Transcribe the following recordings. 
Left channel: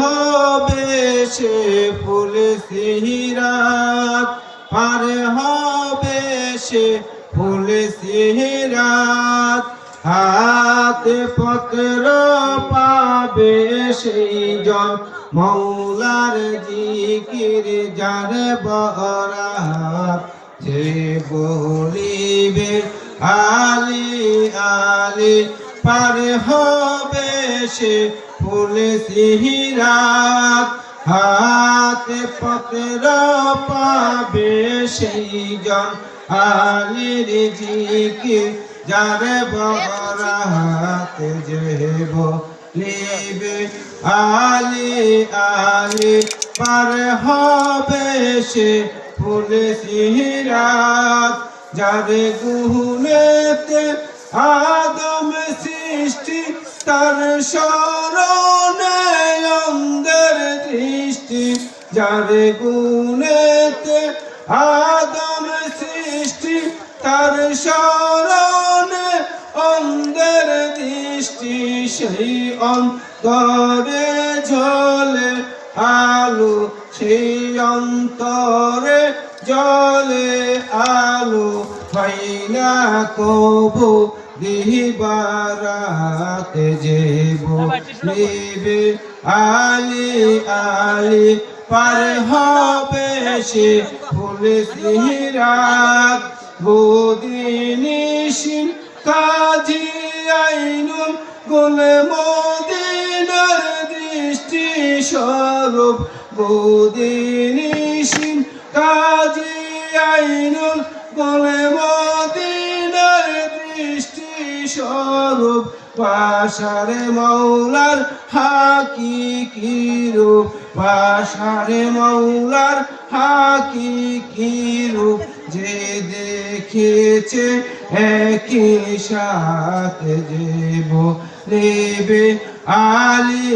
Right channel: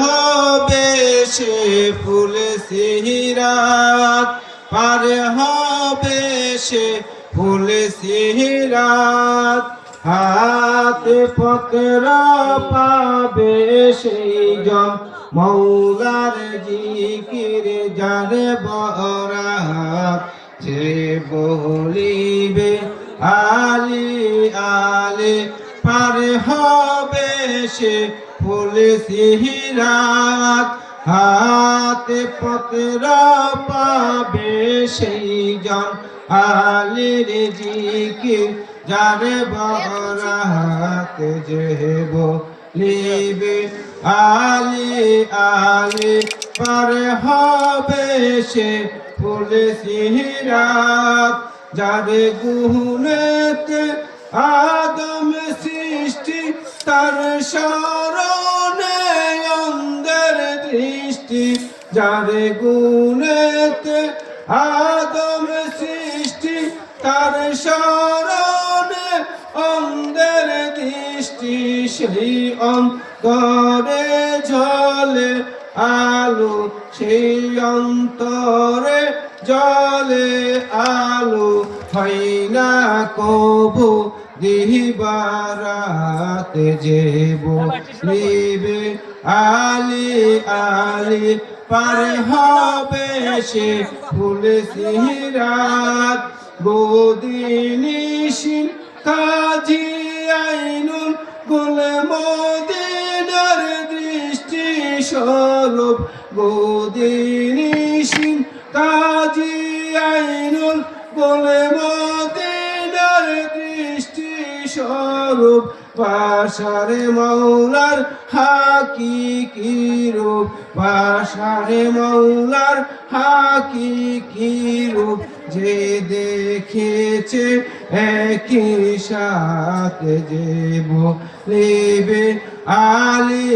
হবে সে ফুল সিহিরাত। পার হবে সে ফুল সিহিরাত। হাতে পত্র পাবে সেই জন মৌলার জিকির জানে বরাত যে বলিবে আলি আলি, পার হবে সে ফুল সিহিরাত হাতে পত্র পাবে সেই জন আলির জিকির, যারে বরাত যেব লিবে আলি আলি, পার হবে সে ফুল সিহিরাত যারে আদম সৃষ্টি তার স্মরণে অন্ধের দৃষ্টি, যারে গুনেতে আদম সৃষ্টি, তার স্মরণে অন্ধের দৃষ্টি, সেই অন্তরে ঝলে আলো, সেই অন্তরে জলে আলো, হয় না কবু দিবারাত যেব। নিবে আলি আলি, পার হবে সে ফুল সিহিরাত বদিনিশিন কাজী আইনুল গুলে মদিনার দৃষ্টি স্বরূপ। বদিনিশিন কাজী আইনুল গুলে দৃষ্টি স্বরূপ পাশারে মৌলার হাকি কি রূপ পাশারে মৌলার হাকি কি রূপ, যে দেখেছে একই সাথে যেব নেবে আলি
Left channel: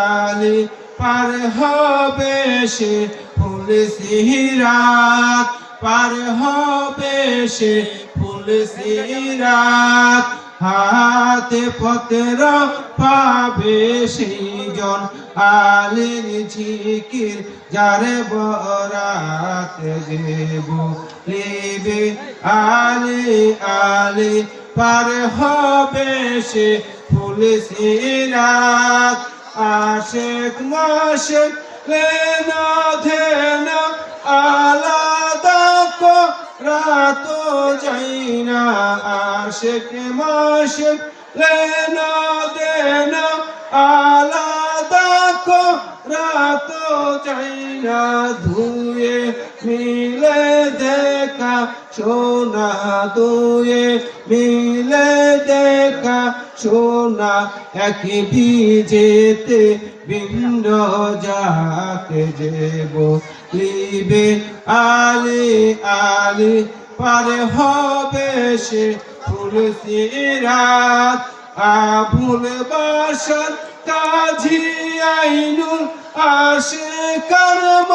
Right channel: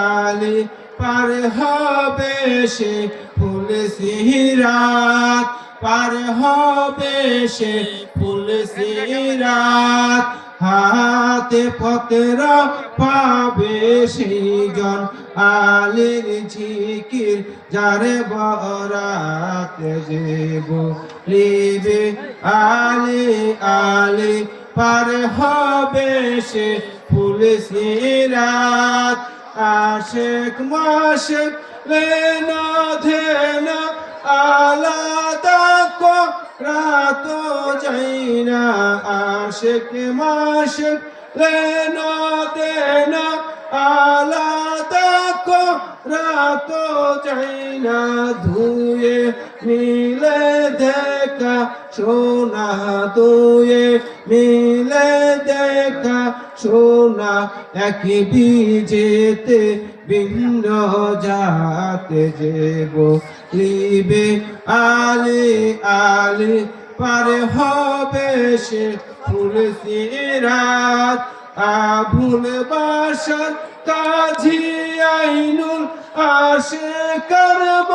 আলি পার হবে সে ফুল সিরাত পার হবে সে সিরাত, হাতে পত্র পাবে সেই জন আলের ঝিকির যারে বরাত দেব লিবে আলে আলে পার হবে সে ফুল সিরাত। আশেক মাশেক লেনা আশেক মাশেক লেনা দেনা আলাদা রাত যাইনা ধুয়ে মিলে দেখা, সোনা দুয়ে মিলে দেখা, সোনা এক বীজেতে ভিন্ন জাতে যেব লিবে আলি আলি, পার হবে সে ফুল সিরাত আবুল বাসার কাজী আইনুল আশে কর্ম